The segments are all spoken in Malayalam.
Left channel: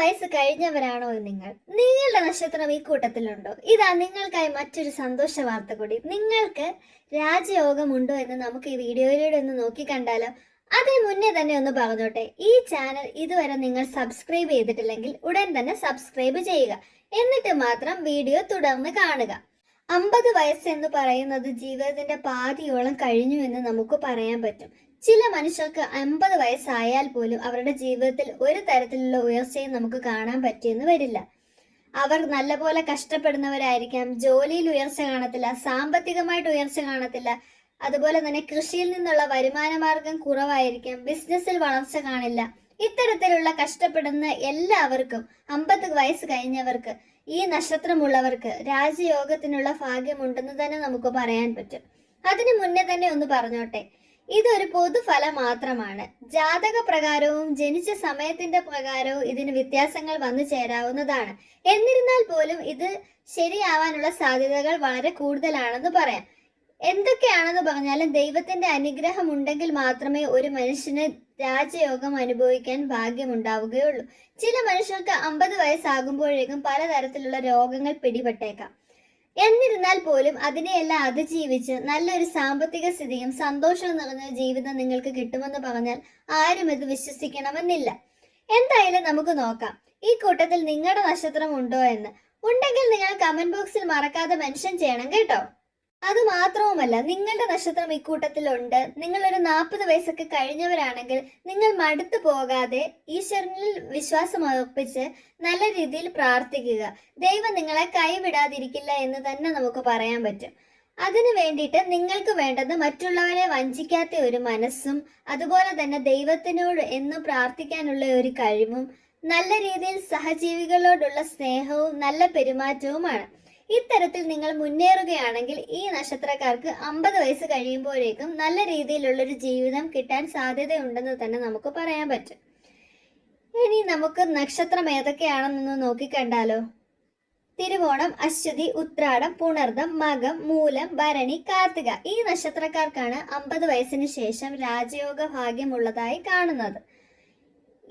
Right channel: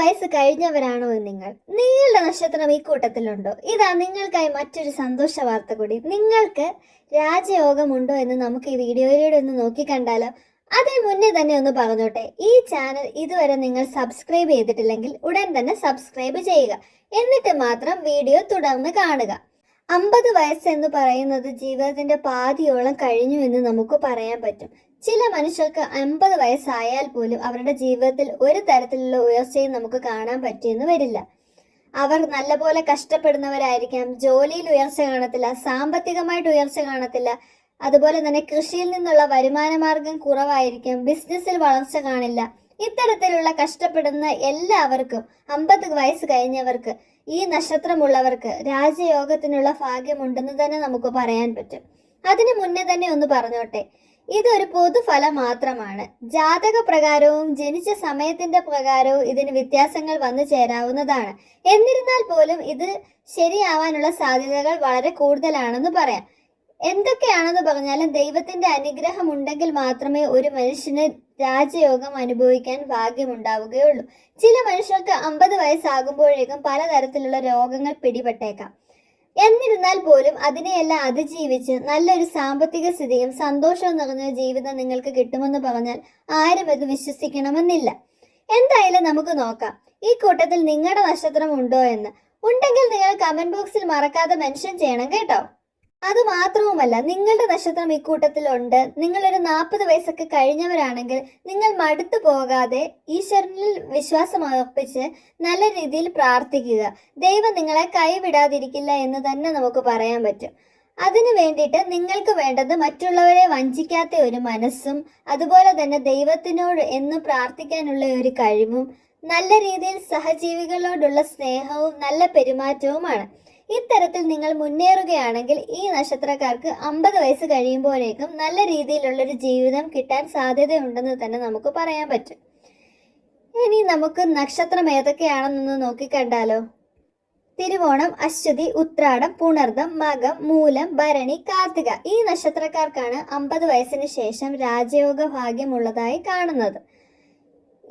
വയസ്സ് കഴിഞ്ഞവരാണോ നിങ്ങൾ? നിങ്ങളുടെ നക്ഷത്രം ഈ കൂട്ടത്തിലുണ്ടോ? ഇതാ നിങ്ങൾക്കായി മറ്റൊരു സന്തോഷ വാർത്ത കൂടി. നിങ്ങൾക്ക് രാജയോഗമുണ്ടോ എന്ന് നമുക്ക് ഈ വീഡിയോയിലൂടെ ഒന്ന് നോക്കി കണ്ടാലോ. അതിന് മുന്നേ തന്നെ ഒന്ന് പറഞ്ഞോട്ടെ. ഈ ചാനൽ ഇതുവരെ നിങ്ങൾ സബ്സ്ക്രൈബ് ചെയ്തിട്ടില്ലെങ്കിൽ ഉടൻ തന്നെ സബ്സ്ക്രൈബ് ചെയ്യുക. എന്നിട്ട് മാത്രം വീഡിയോ തുടർന്ന് കാണുക. അമ്പത് വയസ്സെന്ന് പറയുന്നത് ജീവിതത്തിന്റെ പാതിയോളം കഴിഞ്ഞു എന്ന് നമുക്ക് പറയാൻ പറ്റും. ചില മനുഷ്യർക്ക് അമ്പത് വയസ്സായാൽ പോലും അവരുടെ ജീവിതത്തിൽ ഒരു തരത്തിലുള്ള ഉയർച്ചയും നമുക്ക് കാണാൻ പറ്റിയെന്ന് വരില്ല. അവർ നല്ലപോലെ കഷ്ടപ്പെടുന്നവരായിരിക്കാം ജോലിയിൽ ഉയർച്ച കാണത്തില്ല സാമ്പത്തികമായിട്ട് ഉയർച്ച കാണത്തില്ല അതുപോലെ തന്നെ കൃഷിയിൽ നിന്നുള്ള വരുമാന മാർഗം കുറവായിരിക്കാം ബിസിനസ്സിൽ വളർച്ച കാണില്ല. ഇത്തരത്തിലുള്ള കഷ്ടപ്പെടുന്ന എല്ലാവർക്കും അമ്പത് വയസ്സ് കഴിഞ്ഞവർക്ക് ഈ നക്ഷത്രമുള്ളവർക്ക് രാജയോഗത്തിനുള്ള ഭാഗ്യമുണ്ടെന്ന് തന്നെ നമുക്ക് പറയാൻ പറ്റും. അതിനു മുന്നേ തന്നെ ഒന്ന് പറഞ്ഞോട്ടെ ഇതൊരു പൊതുഫലം മാത്രമാണ് ജാതക പ്രകാരവും ജനിച്ച സമയത്തിന്റെ പ്രകാരവും ഇതിന് വ്യത്യാസങ്ങൾ വന്നു ചേരാവുന്നതാണ്. എന്നിരുന്നാൽ പോലും ഇത് ശരിയാവാനുള്ള സാധ്യതകൾ വളരെ കൂടുതലാണെന്ന് പറയാം. എന്തൊക്കെയാണെന്ന് പറഞ്ഞാലും ദൈവത്തിന്റെ അനുഗ്രഹം ഉണ്ടെങ്കിൽ മാത്രമേ ഒരു മനുഷ്യന് രാജയോഗം അനുഭവിക്കാൻ ഭാഗ്യമുണ്ടാവുകയുള്ളൂ. ചില മനുഷ്യർക്ക് അമ്പത് വയസ്സാകുമ്പോഴേക്കും പലതരത്തിലുള്ള രോഗങ്ങൾ പിടിപെട്ടേക്കാം. എന്നിരുന്നാൽ പോലും അതിനെയെല്ലാം അതിജീവിച്ച് നല്ലൊരു സാമ്പത്തിക സ്ഥിതിയും സന്തോഷവും നിറഞ്ഞ ജീവിതം നിങ്ങൾക്ക് കിട്ടുമെന്ന് പറഞ്ഞാൽ ആരും ഇത് വിശ്വസിക്കണമെന്നില്ല. എന്തായാലും നമുക്ക് നോക്കാം. ഈ കൂട്ടത്തിൽ നിങ്ങളുടെ നക്ഷത്രം ഉണ്ടോ എന്ന്. ഉണ്ടെങ്കിൽ നിങ്ങൾ കമന്റ് ബോക്സിൽ മറക്കാതെ മെൻഷൻ ചെയ്യണം കേട്ടോ. അത് മാത്രവുമല്ല നിങ്ങളുടെ നക്ഷത്രം ഇക്കൂട്ടത്തിലുണ്ട് നിങ്ങൾ ഒരു നാൽപ്പത് വയസ്സൊക്കെ കഴിഞ്ഞവരാണെങ്കിൽ നിങ്ങൾ മടുത്തു പോകാതെ ഈശ്വരനിൽ വിശ്വാസം ഉറപ്പിച്ച് നല്ല രീതിയിൽ പ്രാർത്ഥിക്കുക. ദൈവം നിങ്ങളെ കൈവിടാതിരിക്കില്ല എന്ന് തന്നെ നമുക്ക് പറയാൻ പറ്റും. അതിനു വേണ്ടിയിട്ട് നിങ്ങൾക്ക് വേണ്ടത് മറ്റുള്ളവരെ വഞ്ചിക്കാത്ത ഒരു മനസ്സും അതുപോലെ തന്നെ ദൈവത്തിനോട് എന്നും പ്രാർത്ഥിക്കാനുള്ള ഒരു കഴിവും നല്ല രീതിയിൽ സഹജീവികളോടുള്ള സ്നേഹവും നല്ല പെരുമാറ്റവുമാണ്. ഇത്തരത്തിൽ നിങ്ങൾ മുന്നേറുകയാണെങ്കിൽ ഈ നക്ഷത്രക്കാർക്ക് അമ്പത് വയസ്സ് കഴിയുമ്പോഴേക്കും നല്ല രീതിയിലുള്ള ഒരു ജീവിതം കിട്ടാൻ സാധ്യതയുണ്ടെന്ന് തന്നെ നമുക്ക് പറയാൻ പറ്റും. ഇനി നമുക്ക് നക്ഷത്രം ഏതൊക്കെയാണെന്നൊന്ന് നോക്കിക്കണ്ടാലോ? തിരുവോണം അശ്വതി ഉത്രാടം പുണർദം മകം മൂലം ഭരണി കാർത്തിക. ഈ നക്ഷത്രക്കാർക്കാണ് അമ്പത് വയസ്സിന് ശേഷം രാജയോഗ ഭാഗ്യമുള്ളതായി കാണുന്നത്.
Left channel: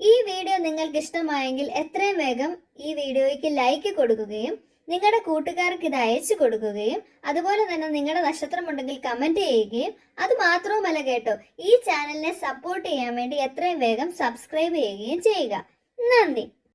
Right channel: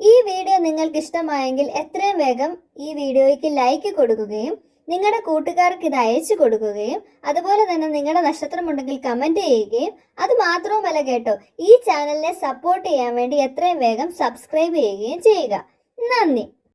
ഈ വീഡിയോ നിങ്ങൾക്ക് ഇഷ്ടമായെങ്കിൽ എത്രയും വേഗം ഈ വീഡിയോയ്ക്ക് ലൈക്ക് കൊടുക്കുകയും നിങ്ങളുടെ കൂട്ടുകാർക്ക് ഇത് അയച്ചു കൊടുക്കുകയും അതുപോലെ തന്നെ നിങ്ങളുടെ നക്ഷത്രം ഉണ്ടെങ്കിൽ കമന്റ് ചെയ്യുകയും അത് മാത്രവുമല്ല കേട്ടോ ഈ ചാനലിനെ സപ്പോർട്ട് ചെയ്യാൻ വേണ്ടി എത്രയും വേഗം സബ്സ്ക്രൈബ് ചെയ്യുകയും ചെയ്യുക. നന്ദി.